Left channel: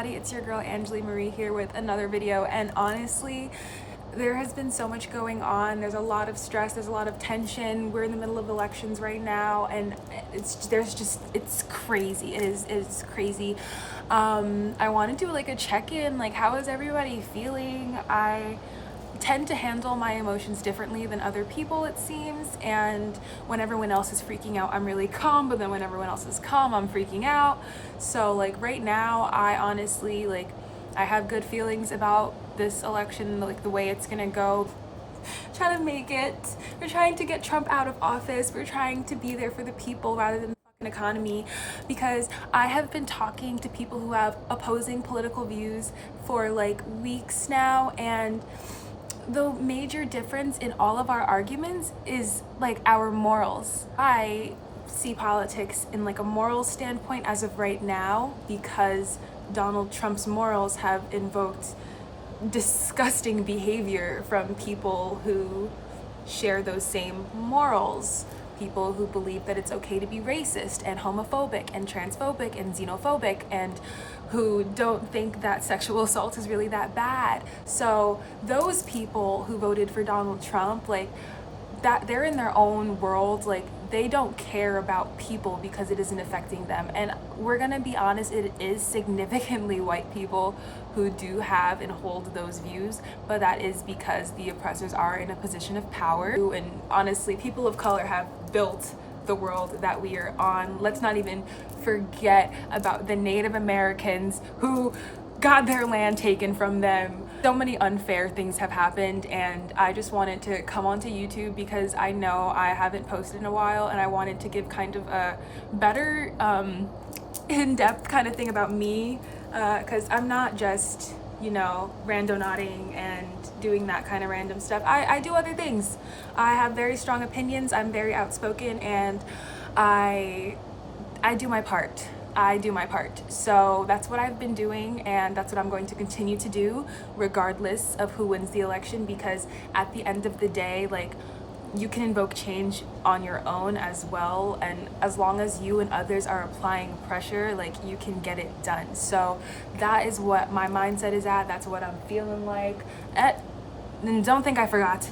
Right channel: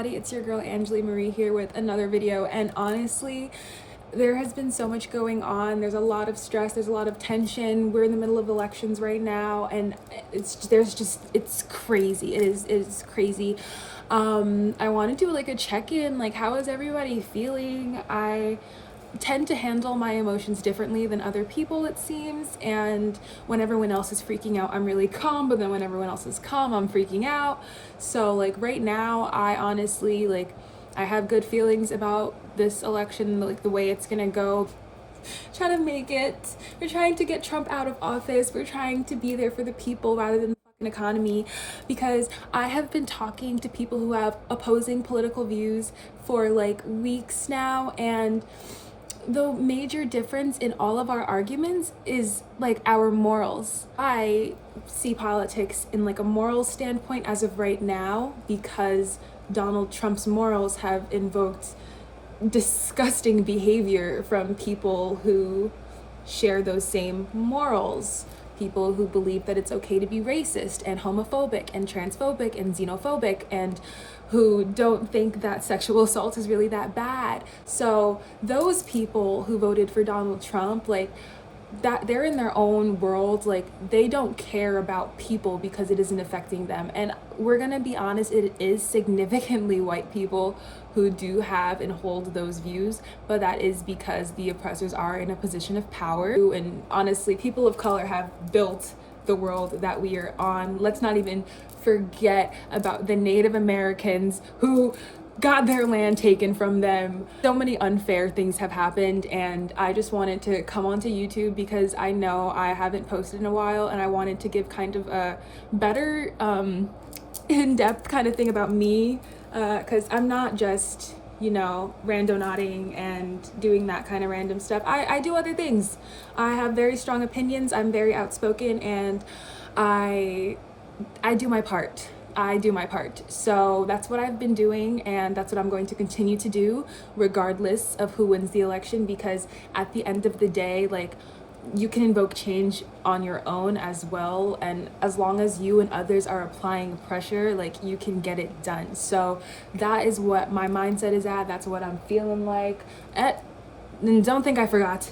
everybody, it's your girl Anjolee Marie here with another video. And honestly, there has been so much going on. There's a lot of stress, there's a lot of tension. We're in the middle of elections right now, and it's crazy. It's crazy. I want to do like a check-in, like how is everybody feeling? I tend to handle my emotions differently than other people, it seems, and when everyone else is freaking out, I'm really calm, but then when everyone else is calm, I'm freaking out. So like right now, I honestly, like, I have good feelings about this election, like the way it's gonna go. Trying to make it. We're trying to get Trump out of office. We're trying to be there for the people rather than the fucking economy, because I have been talking to people who have opposing political views for like weeks now, and the major difference in all of our arguments is like our morals. I see politics in like a moral standpoint as of right now, because Donald Trump's morals have invoked disgusting behavior from people who share those same morals. People who believe that it's okay to be racist and homophobic and transphobic and xenophobic, and who don't think that sexual assault is really that bad. So those people who voted for Donald Trump, like, that they're in their own world, like they don't care about people because it isn't affecting them. And we're gonna be honest, it is significantly white people who do have and hold those views, but that is because the oppressors are in a position of power. And honestly, people of color have built the world that we are on. Let's not even forget about the Native Americans who got their land taken from them. So many unfair things have happened, and I just wanted to come onto YouTube because I know I haven't posted in a while, and I wanted to give kind of a better in-depth kind of thing about me, because I'm not just, you know, randonauting and doing that kind of random stuff. I do other things. I have very strong opinions, I'm very outspoken, and I do my part. I do my part. So that's what I've been doing, and that's what I'm going to continue to do regardless of who wins the election, because at the end of the day, like, you can invoke change on your own as well, and as long as you and others are applying pressure, like, you can get it done. So that is what my mindset is at. That's what I'm feeling like. And don't think I forgot.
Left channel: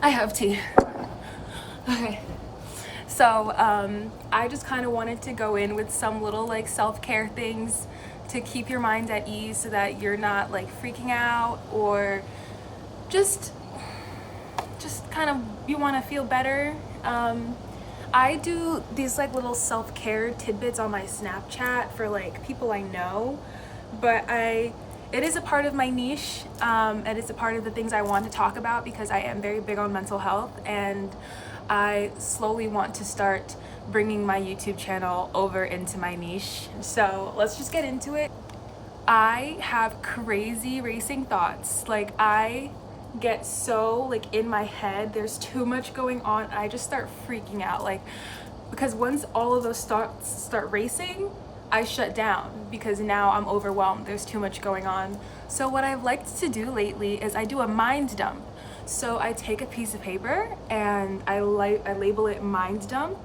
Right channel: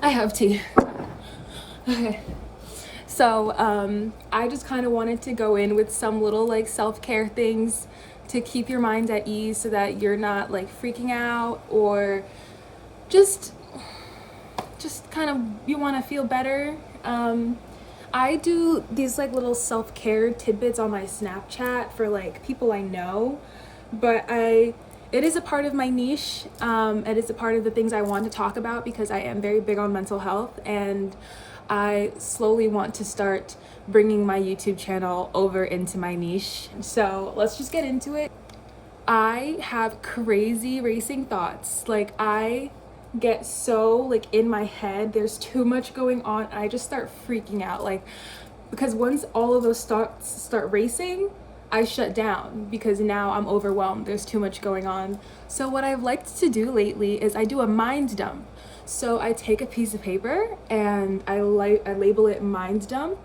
I have tea. Okay. So I just kind of wanted to go in with some little like self-care things to keep your mind at ease, so that you're not like freaking out, or just kind of, you want to feel better. I do these like little self-care tidbits on my Snapchat for like people I know, but it is a part of my niche. It is a part of the things I want to talk about, because I am very big on mental health, and I slowly want to start bringing my YouTube channel over into my niche. So let's just get into it. I have crazy racing thoughts. Like, I get so like in my head, there's too much going on. I just start freaking out, like, because once all of those thoughts start racing, I shut down, because now I'm overwhelmed. There's too much going on. So what I've liked to do lately is I do a mind dump. So I take a piece of paper and I label it mind dump,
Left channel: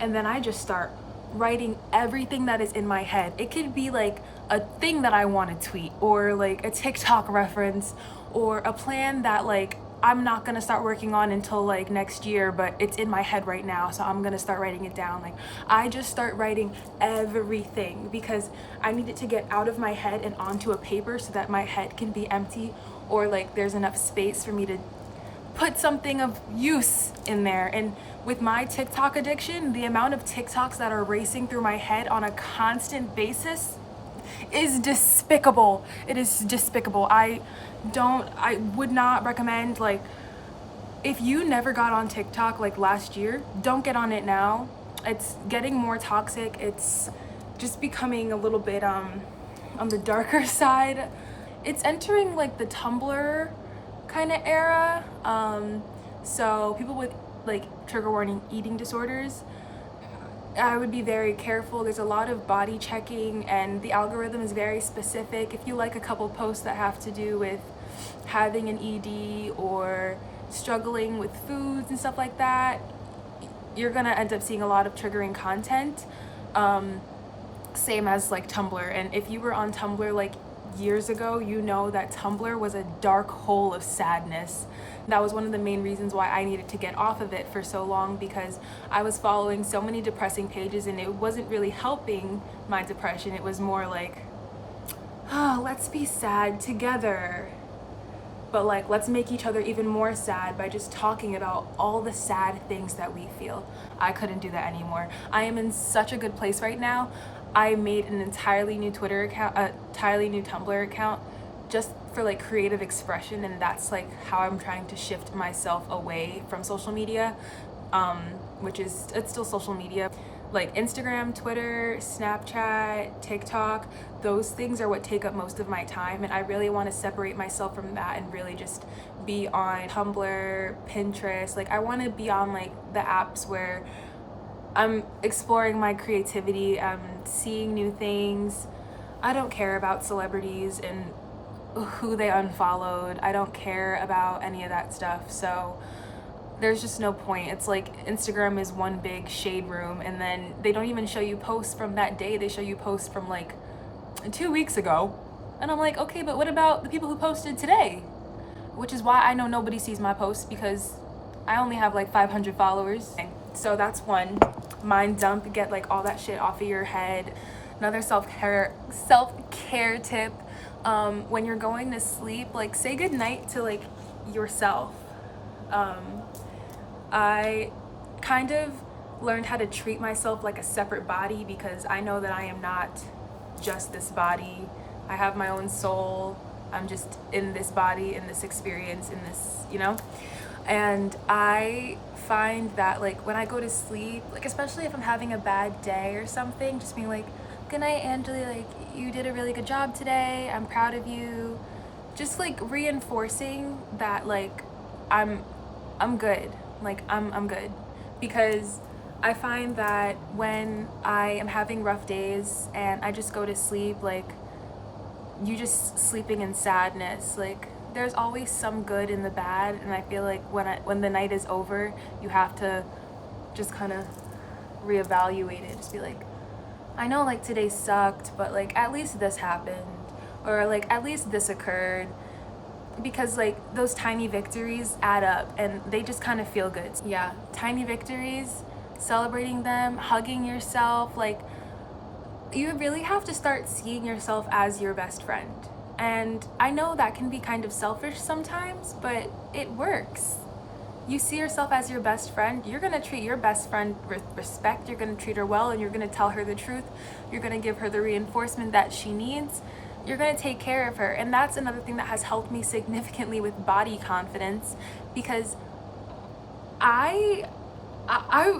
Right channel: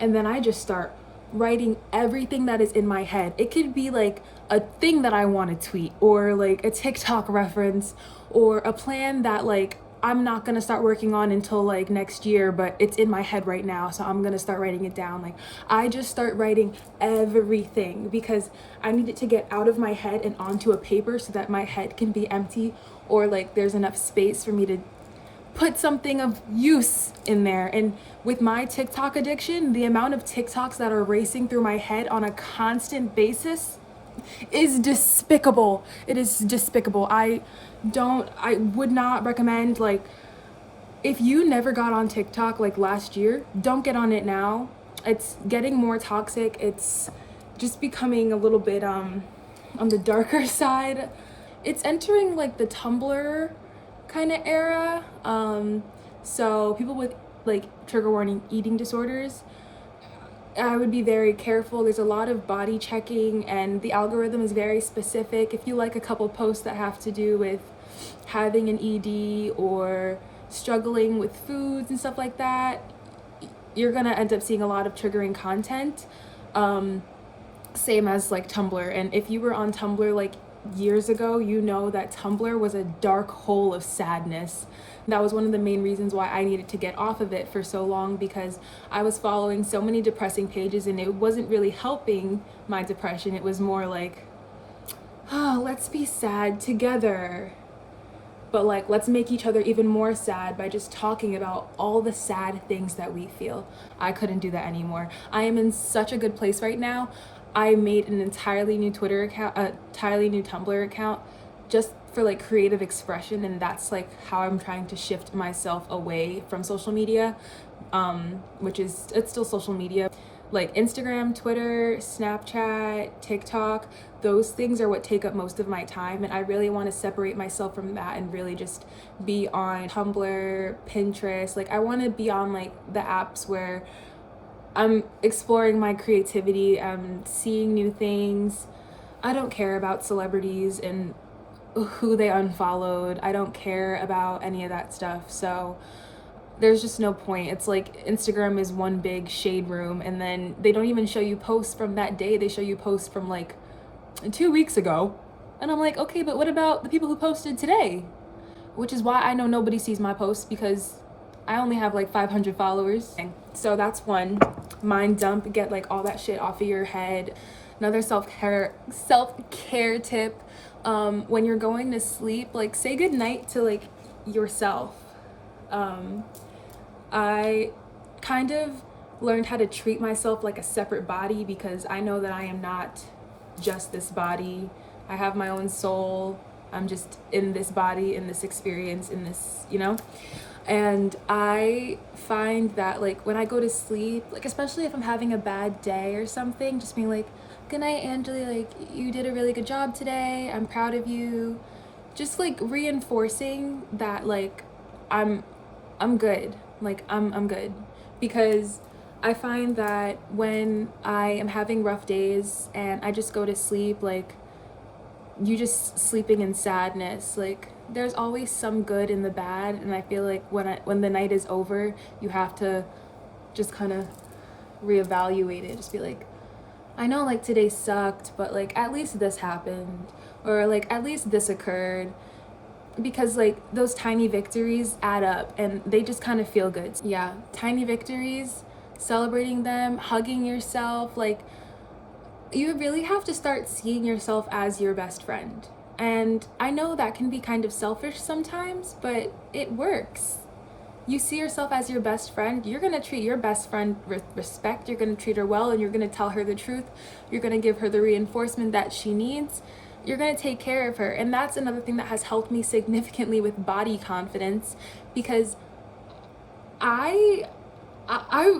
and then I just start writing everything that is in my head. It could be like a thing that I want to tweet, or like a TikTok reference, or a plan that like I'm not gonna start working on until like next year, but it's in my head right now, so I'm gonna start writing it down. Like, I just start writing everything, because I need it to get out of my head and onto a paper, so that my head can be empty, or like there's enough space for me to put something of use in there. And with my TikTok addiction, the amount of TikToks that are racing through my head on a constant basis is despicable. It is despicable. I would not recommend, like, if you never got on TikTok like last year, don't get on it now. It's getting more toxic. It's just becoming a little bit on the darker side. It's entering like the Tumblr kind of era. So people with like, trigger warning, eating disorders, I would be very careful. There's a lot of body checking, and the algorithm is very specific. If you like a couple posts that have to do with having an ED or struggling with foods and stuff like that, you're gonna end up seeing a lot of triggering content. same as like Tumblr. And if you were on Tumblr like years ago, you know that Tumblr was a dark hole of sadness. That was one of the main reasons why I needed to get off of it for so long, because I was following so many depressing pages and it wasn't really helping my depression. It was more like, oh, let's be sad together. But like, let's make each other even more sad by just talking about all the sad things that we feel. I couldn't do that anymore. I am in such a good place right now. I made an entirely new Twitter account, entirely new Tumblr account, just for like creative expression, and that's like how I'm trying to shift myself away from social media, which is, it's still social media. Like Instagram, Twitter, Snapchat, TikTok, those things are what take up most of my time, and I really want to separate myself from that and really just be on Tumblr, Pinterest. Like I want to be on like the apps where I'm exploring my creativity, I'm seeing new things. I don't care about celebrities and who they unfollowed. I don't care about any of that stuff. So there's just no point. It's like Instagram is one big shade room, and then they don't even show you posts from that day. They show you posts from like 2 weeks ago. And I'm like, okay, but what about the people who posted today? Which is why I know nobody sees my posts, because I only have like 500 followers. So that's one. Mind dump, get like all that shit off of your head. Another self-care tip, when you're going to sleep, like say goodnight to like yourself. I kind of learned how to treat myself like a separate body, because I know that I am not just this body. I have my own soul. I'm just in this body, in this experience, in this, you know? And I find that like when I go to sleep, like especially if I'm having a bad day or something, just being like, good night, Anjolee, like you did a really good job today. I'm proud of you. Just like reinforcing that like I'm good. Like I'm good. Because I find that when I am having rough days and I just go to sleep, like you just sleeping in sadness, like there's always some good in the bad. And I feel like when the night is over, you have to just kind of reevaluate it. Just be like, I know like today sucked, but like at least this happened, or like at least this occurred. Because like those tiny victories add up and they just kind of feel good. Yeah, tiny victories, celebrating them, hugging yourself. Like you really have to start seeing yourself as your best friend. And I know that can be kind of selfish sometimes, but it works. You see yourself as your best friend, you're gonna treat your best friend with respect, you're gonna treat her well, and you're gonna tell her the truth. You're gonna give her the reinforcement that she needs. You're gonna take care of her. And that's another thing that has helped me significantly with body confidence, because I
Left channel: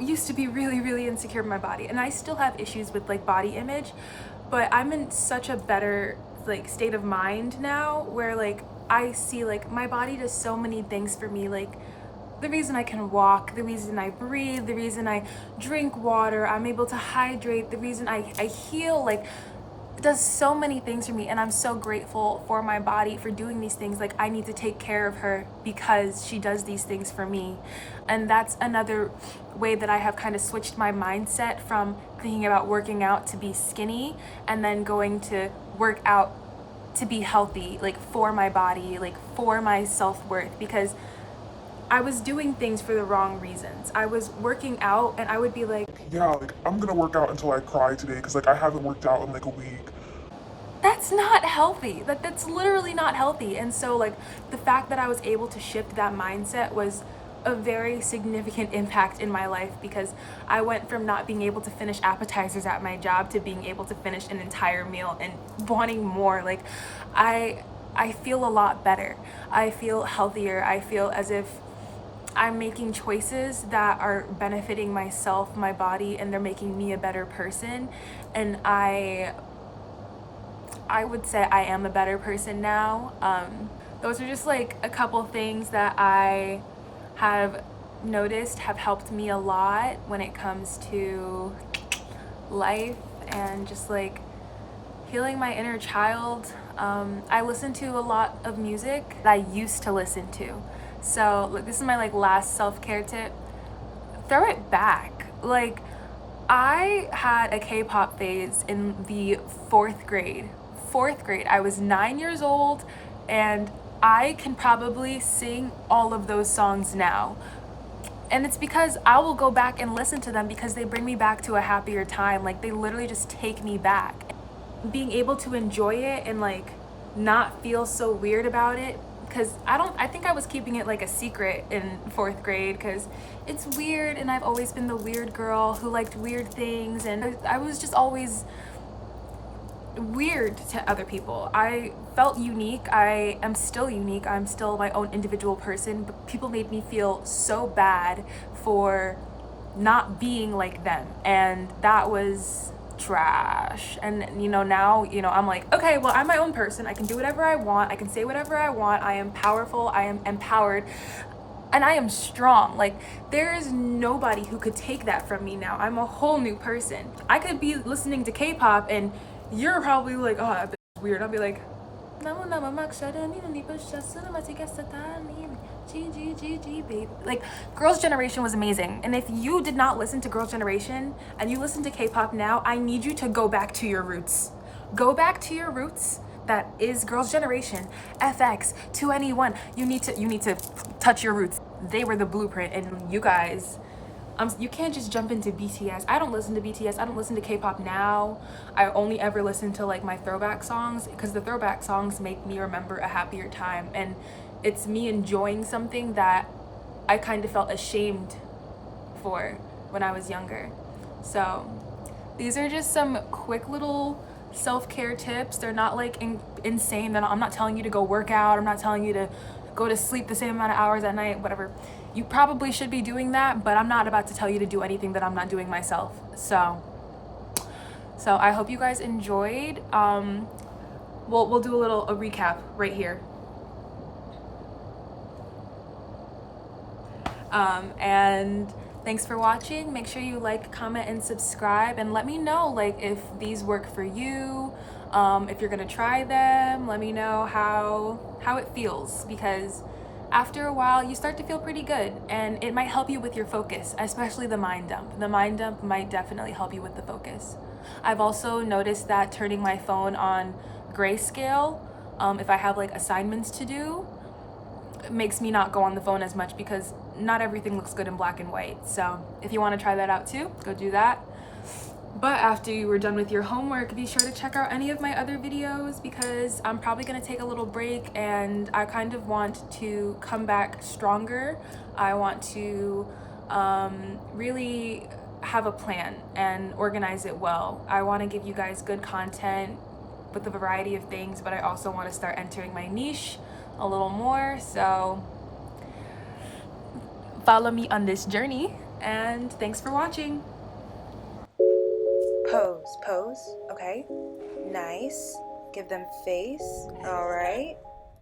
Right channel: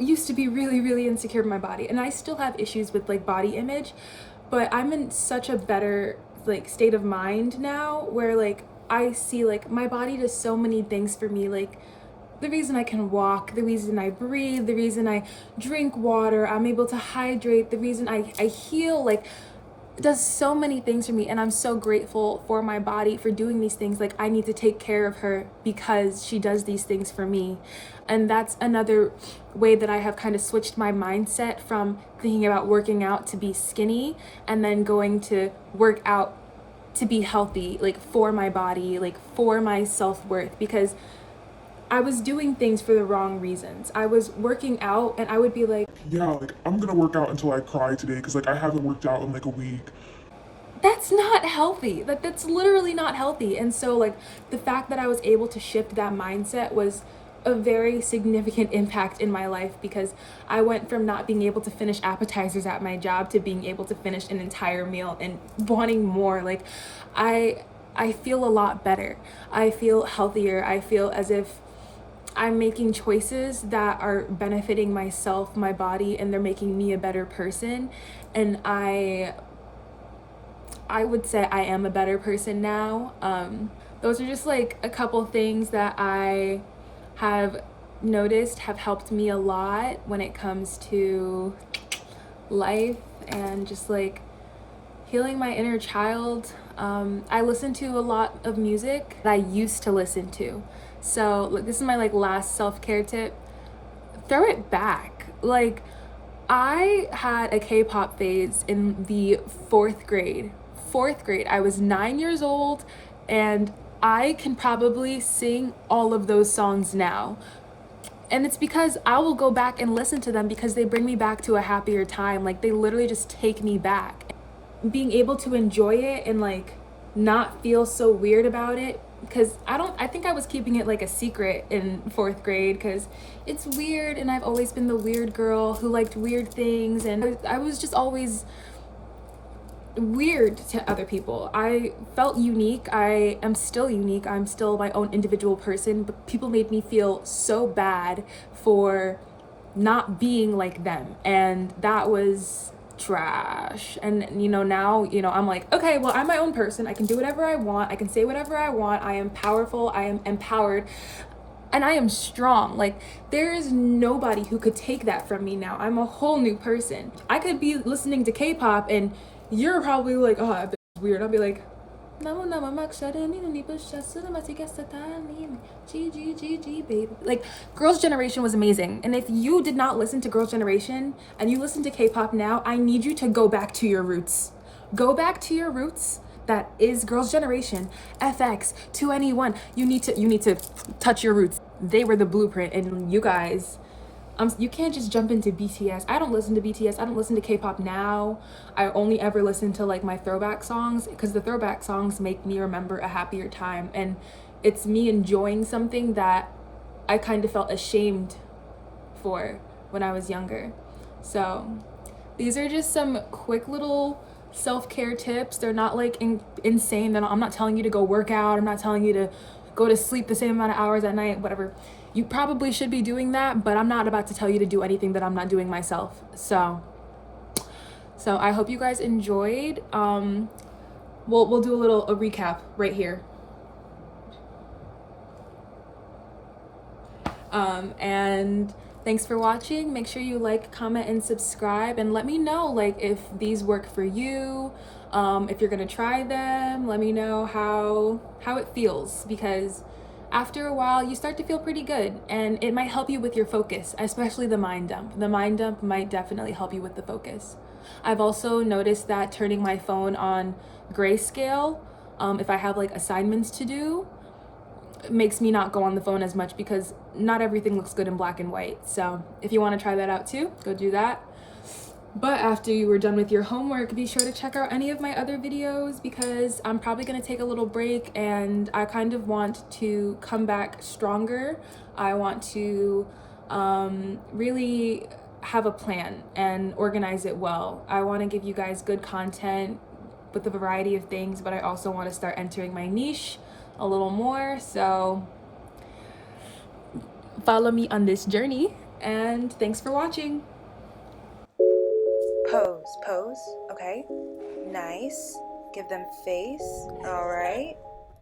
used to be really, really insecure in my body, and I still have issues with like body image, but I'm in such a better like state of mind now where like I see like my body does so many things for me. Like the reason I can walk, the reason I breathe, the reason I drink water, I'm able to hydrate, the reason I heal, like it does so many things for me. And I'm so grateful for my body for doing these things. Like I need to take care of her because she does these things for me. And that's another way that I have kind of switched my mindset from thinking about working out to be skinny and then going to work out to be healthy, like for my body, like for my self-worth, because I was doing things for the wrong reasons. I was working out and I would be like, yeah, like I'm gonna work out until I cry today because like I haven't worked out in like a week. that's not healthy. That's literally not healthy. And so like the fact that I was able to shift that mindset was a very significant impact in my life, because I went from not being able to finish appetizers at my job to being able to finish an entire meal and wanting more. Like I feel a lot better. I feel healthier. I feel as if I'm making choices that are benefiting myself, my body, and they're making me a better person. And I would say I am a better person now. Those are just like a couple things that I have noticed have helped me a lot when it comes to life and just like healing my inner child. I listen to a lot of music that I used to listen to. So like this is my like last self-care tip. Throw it back. Like I had a K-pop phase in the fourth grade. Fourth grade. I was 9 years old, and I can probably sing all of those songs now. And it's because I will go back and listen to them because they bring me back to a happier time. Like, they literally just take me back. Being able to enjoy it and like not feel so weird about it, because I think I was keeping it like a secret in fourth grade because it's weird, and I've always been the weird girl who liked weird things, and I was just always weird to other people. I felt unique. I am still unique. I'm still my own individual person, but people made me feel so bad for not being like them, and that was trash. And now I'm like, okay, well, I'm my own person. I can do whatever I want. I can say whatever I want. I am powerful. I am empowered, and I am strong. Like, there is nobody who could take that from me now. I'm a whole new person. I could be listening to K-pop and you're probably like, oh, that bitch is weird. I'll be like, baby. Like, Girls' Generation was amazing. And if you did not listen to Girls' Generation and you listen to K-pop now, I need you to go back to your roots. Go back to your roots. That is Girls' Generation, FX, 2NE1. You need to touch your roots. They were the blueprint, and you guys, you can't just jump into BTS. I don't listen to BTS. I don't listen to K-pop now. I only ever listen to like my throwback songs, because the throwback songs make me remember a happier time, and it's me enjoying something that I kind of felt ashamed for when I was younger. So these are just some quick little self-care tips. They're not like insane. I'm not telling you to go work out. I'm not telling you to go to sleep the same amount of hours at night, whatever. You probably should be doing that, but I'm not about to tell you to do anything that I'm not doing myself. So I hope you guys enjoyed. We'll do a recap right here. And thanks for watching. Make sure you like, comment, and subscribe, and let me know like if these work for you. If you're gonna try them, let me know how it feels, because after a while you start to feel pretty good, and it might help you with your focus, especially the mind dump. The mind dump might definitely help you with the focus. I've also noticed that turning my phone on grayscale, if I have like assignments to do, makes me not go on the phone as much, because not everything looks good in black and white. So if you want to try that out too, go do that. But after you were done with your homework, be sure to check out any of my other videos, because I'm probably going to take a little break, and I kind of want to come back stronger. I want to really have a plan and organize it well. I want to give you guys good content with a variety of things, but I also want to start entering my niche a little more. So follow me on this journey, and thanks for watching. Pose, okay? Nice. Give them face. All right.